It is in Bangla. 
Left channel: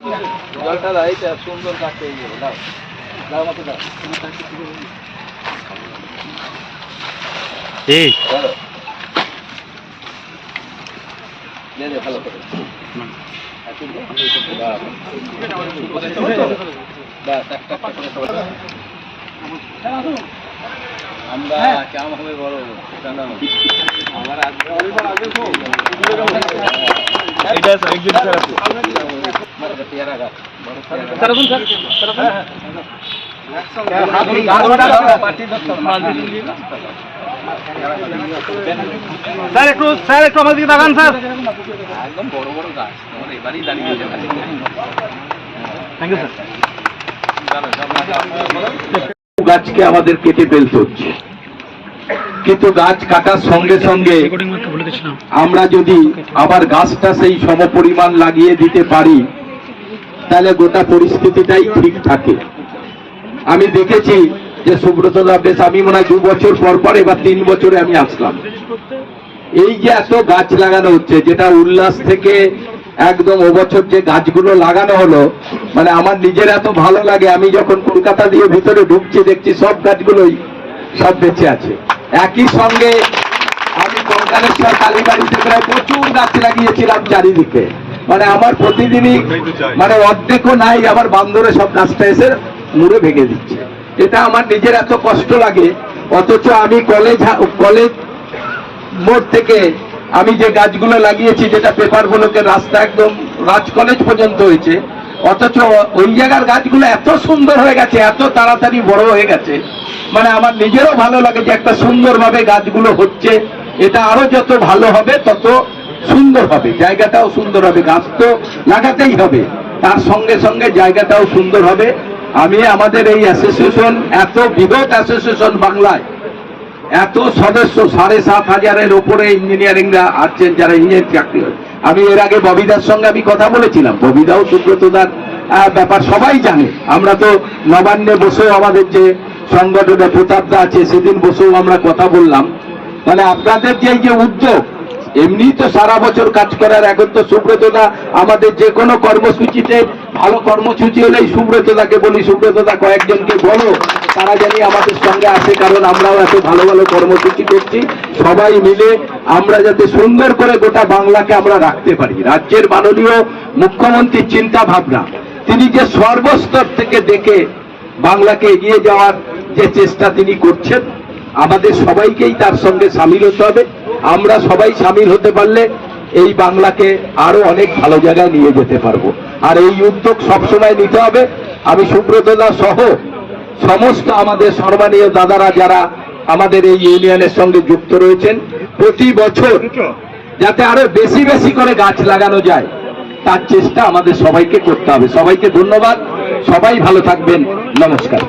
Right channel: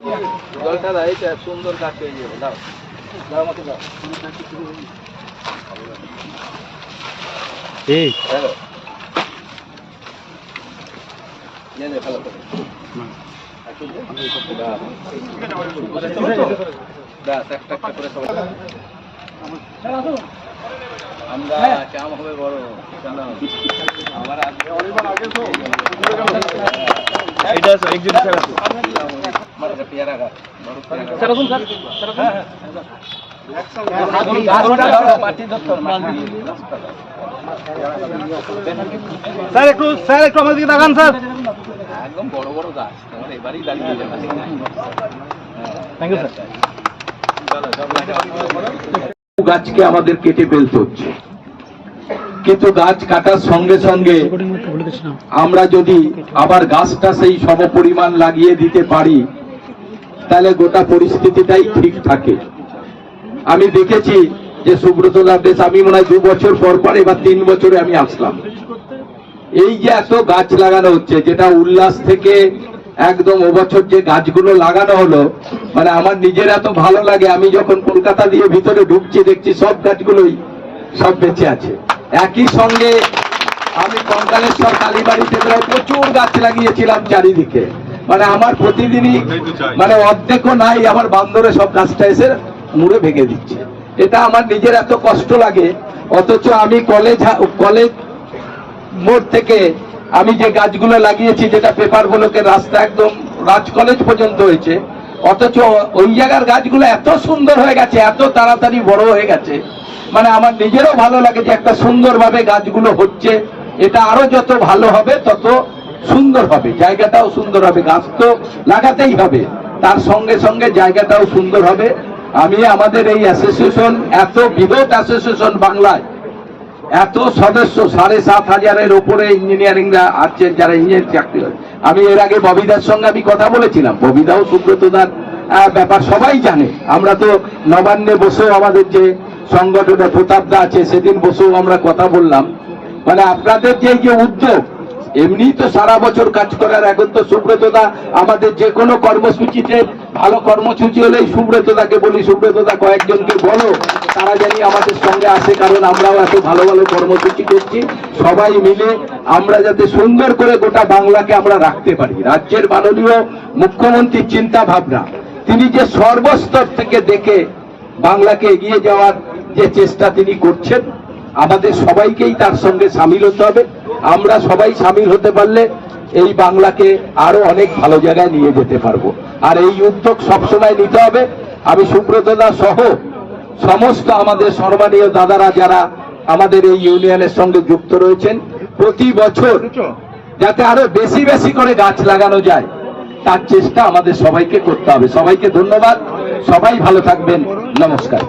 জলটা দাও, এইটা সুন্দর গাছ হয়ে যাবে। দাও দাও আমাকে দাও। এই দাও নে নে ভালো করে একটা করে সবাই আমরা চাম হবে বড় আমার আগে এটা একজন স্যার আছে পেয়ারা গাছ বড় স্যার এখন স্যার স্যার একটু আমাদের বাগান স্যার একদম বড় বড় গাছ তোমার এবারই দাঁড়িয়ে যাবে। Thank you sir. গাছকে আমাদের কেটে ফেলতে হচ্ছে, কিন্তু গাছ কাটার সঙ্গে সঙ্গে আমরা যদি আবার গাছটা সেই সমপরিমাণ লাগিয়ে দিতে পারি তাহলে গোটা পরিস্থিতিটাই ঠিক থাকে। আমি দেখেছি যে সুব্রতদা বেশ, আমি মনে হয় 2 বছর পর পর এবার 3 বছরে আমি আসলাম। এই যে এত গাছ লাগানো হচ্ছে, যেটা উল্লাস থেকে একদম বছর যে গাছগুলো লাগানো হলো, মানে আমার নিজের এত ভালো লাগে। আমি যখন কলকাতা দিয়ে ভিতরে ঢুকছি দেখছি সব গাছগুলোই সব বেঁচে আছে। একই সঙ্গে আমি কঙ্কালেশ্বর কালীবাড়িতে প্রায় প্রচুর গাছ লাগিয়েছিলাম চারিদিকে, মানে আমার প্রতিদিনই মানে অর্ধেকও নাই, আমার বান্দরে সব গাছটা এসে মুড়ে ভেঙে দিচ্ছে। এটা আমার নিজের এত কষ্ট লাগে, অথচ আমি কলেজ মোড় থেকে আমি যে গাছগুলো লাগিয়েছি, যেটা পেপারগুলোকে রাস্তা একদম রাজ কলেজ পর্যন্ত হয়েছে, অথচ ওই জায়গার গাছগুলো এত সুন্দর হয়ে গেছে, এত তাড়াতাড়ি বড় হয়ে গেছে। মানে আমার নিজেরও ভালো লাগে যে একটা সুন্দরভাবে গাছগুলো হচ্ছে। এটা আরো যত ভালো হবে তত সুন্দর হবে, জায়গাটাও সুন্দর হবে। গাছ তো লাগাতেই হবে, তার সঙ্গে সঙ্গে জায়গাটাও সুন্দর হবে। আমি আমাদের এই অ্যাসোসিয়েশন, এত বৃহৎ অ্যাসোসিয়েশন বাংলায়, এত সদস্য 7,500-এর উপরে ইঞ্জিনিয়ারিংরা আছেন, যারা ইঞ্জিনিয়ার চাকরি। আমি এর আগে ববিদার সঙ্গে আমি কথা বলেছিলাম, ববিদাও সুব্রতদার ব্যাপার সবাই জানে। আমরা তো নবান্নে বসেও আমাদের যে সংগঠনে প্রতাপদা আছে, সেদিন বসেও আমরা কথা বললাম। মানে আপনাদের যে উদ্যোগ, এমনি তো সারা বছর কাজ করার, এখন তো সুব্রতদা আমাদের যে কোনো কর্মসূচিতে, ভালো কর্মসূচি হলেই সুব্রতদাকে বলি, সুব্রতদা কয়েকজনকে বলো তারা জানি আমাদের সঙ্গে আসে, কারণ আমরাও এত ভালো ভালো কর্মসূচি করছি। সবাই মিলে আমরা যাতে সুন্দর করে গোটা বাংলাকে আমরা রাখতে পারি। রাজ্যের মাননীয় মুখ্যমন্ত্রীর চিন্তা ভাবনা, তিনি যে সর্বস্তর থেকে দেখে বাংলাকে এগিয়ে যাওয়ার যে চেষ্টা তিনি করছেন, আমাদের সবাইকেই তার সঙ্গে সামিল হতে হবে। আমরা সবাই সামিল হতে পারলে এই বাংলাকে আরো অনেক ভালো জায়গায় নিয়ে যেতে পারবো। আর এই উদ্যোগ সবসময় নিতে হবে। আমি সুব্রতদা সহ সমস্ত আমাদের সম্মানীয় দাদারা যারা আমাদের এই ইউনিয়নের সঙ্গে যুক্ত রয়েছেন, প্রতি বছর যাতে আরো বেশি বেশি করে গাছ লাগানো যায় তার চেষ্টা আমাদের সবাইকে করতে হবে। সবাইকে ধন্যবাদ, সবাই ভালো থাকবেন, নমস্কার।